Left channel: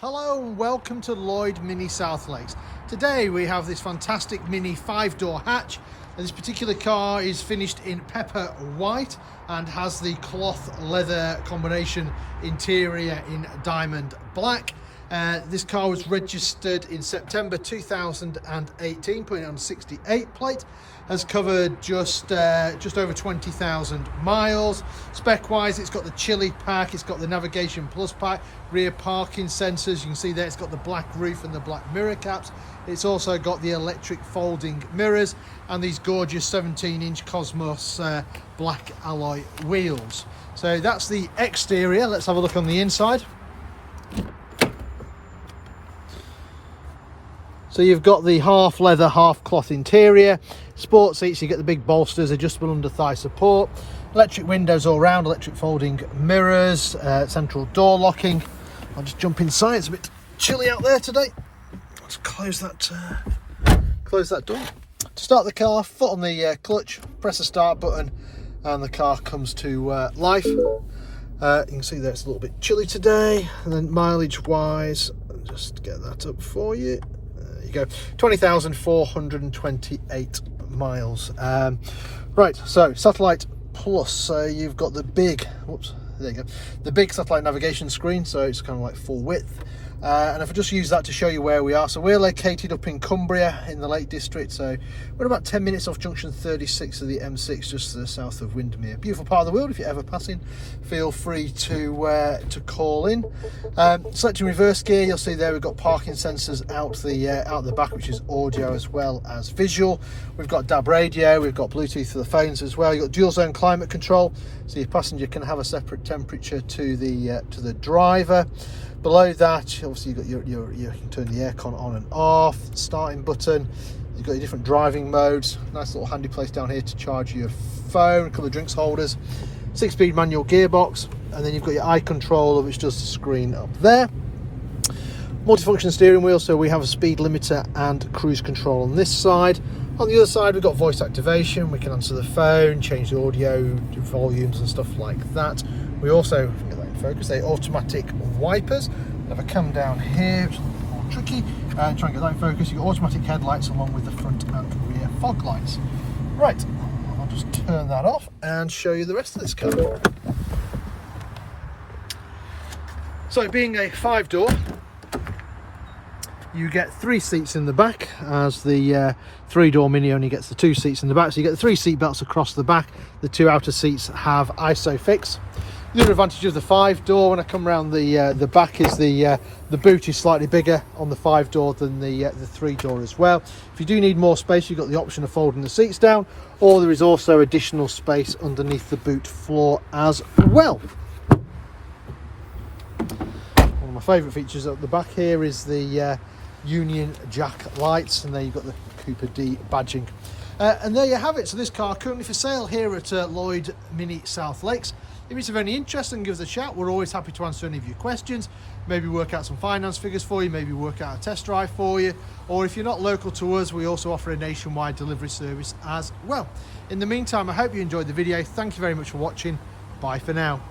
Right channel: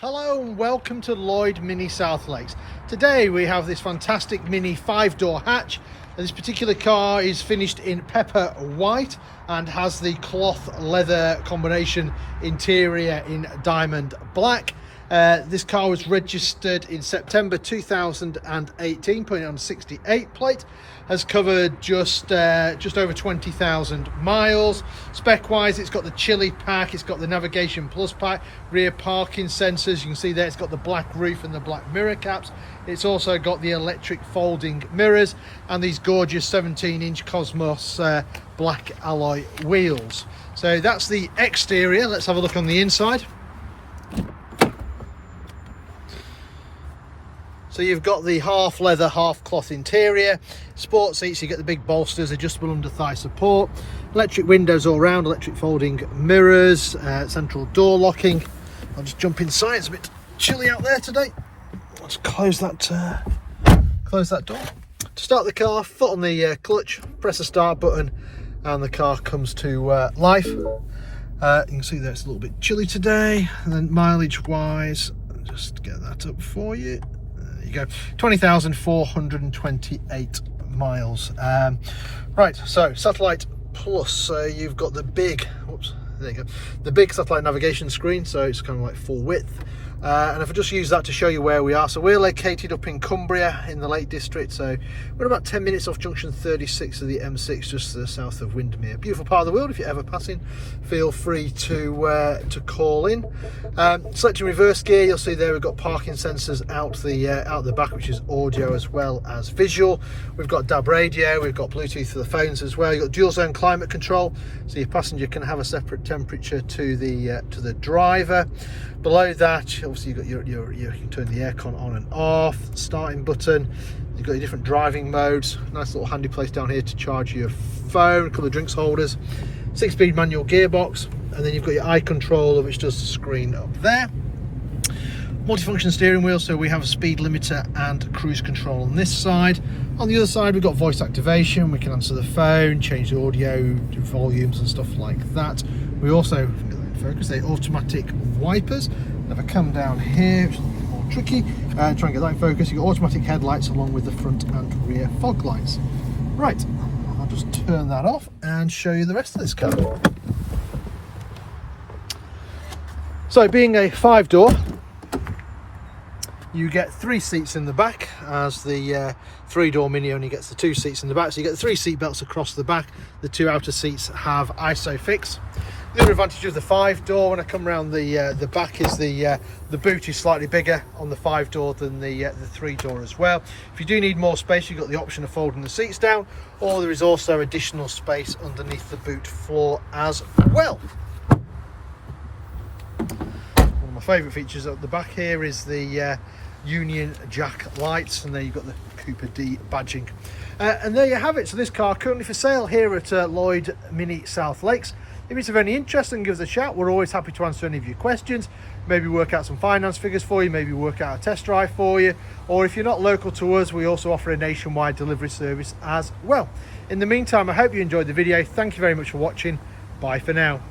Hello and welcome to Lloyd Mini South Lakes. Today we have this fantastic Mini 5-door hatch. This particular car is finished in pepper white and has the cloth leather combination interior in diamond black. This car was registered in September 2018, putting it on a 68 plate. Has covered just over 20,000 miles. Spec wise, it's got the chili pack, it's got the navigation plus pack, rear parking sensors. You can see there it's got the black roof and the black mirror caps. It's also got the electric folding mirrors and these gorgeous 17-inch Cosmos black alloy wheels. So that's the exterior. Let's have a look on the inside. So you've got the half leather, half cloth interior, sport seats, you get the big bolsters, adjustable under thigh support, electric windows all round, electric folding mirrors, central door locking. I'll just jump inside, it's a bit chilly out there today. Let's close that door. To start the car, foot on the clutch, press the start button and the car comes to life. You can see there it's a little bit chilly today. And then mileage wise, I'll just get that up for you. You go 20,428 miles. Right, so satellite plus, so you've got the big, whoops, there you go, the big satellite navigation screen, so it's kind of like full width. And if I just use that to show you where we are, so we're located up in Cumbria in the Lake District, so we're about 10 minutes off junction 36 of the M6, just to the south of Windermere. Beautiful part of the world. If you're ever passing, feel free to call in. Selecting reverse gear, you'll see there we've got parking sensors out the back, which is audio as well as visual. We've got DAB radio, we've got Bluetooth for the phones as well. You've got dual zone climate control, so your passenger can have a separate temperature to the driver. Below that, obviously you've got you can turn the aircon on and off, starting button. You've got your different driving modes. Nice little handy place down here to charge your phone, a couple of drinks holders, 6-speed manual gearbox, and then you've got your eye controller, which does the screen up there. Multifunction steering wheel, so we have a speed limiter and cruise control on this side. On the other side, we've got voice activation. We can answer the phone, change the audio volumes and stuff like that. We also focus, they automatic wipers. If I come down here, which is a bit more tricky, and try and get that in focus, you've got automatic headlights along with the front and rear fog lights. Right, I'll just turn that off and show you the rest of this car. So being a 5-door, you get 3 seats in the back, as the 3-door Mini only gets the 2 seats in the back. So you get the 3 seat belts across the back. The 2 outer seats have ISOFIX. The other advantage of the 5-door, when I come around the back, is the boot is slightly bigger on the 5-door than the 3-door as well. If you do need more space, you've got the option of folding the seats down, or there is also additional space underneath the boot floor as well. One of my favourite features at the back here is the Union Jack lights, and there you've got the Cooper D badging. And there you have it. So this car currently for sale here at Lloyd Mini South Lakes. If it's of any interest, then give us a shout. We're always happy to answer any of your questions, maybe work out some finance figures for you, maybe work out a test drive for you, or if you're not local to us, we also offer a nationwide delivery service as well. In the meantime, I hope you enjoyed the video. Thank you very much for watching. Bye for now.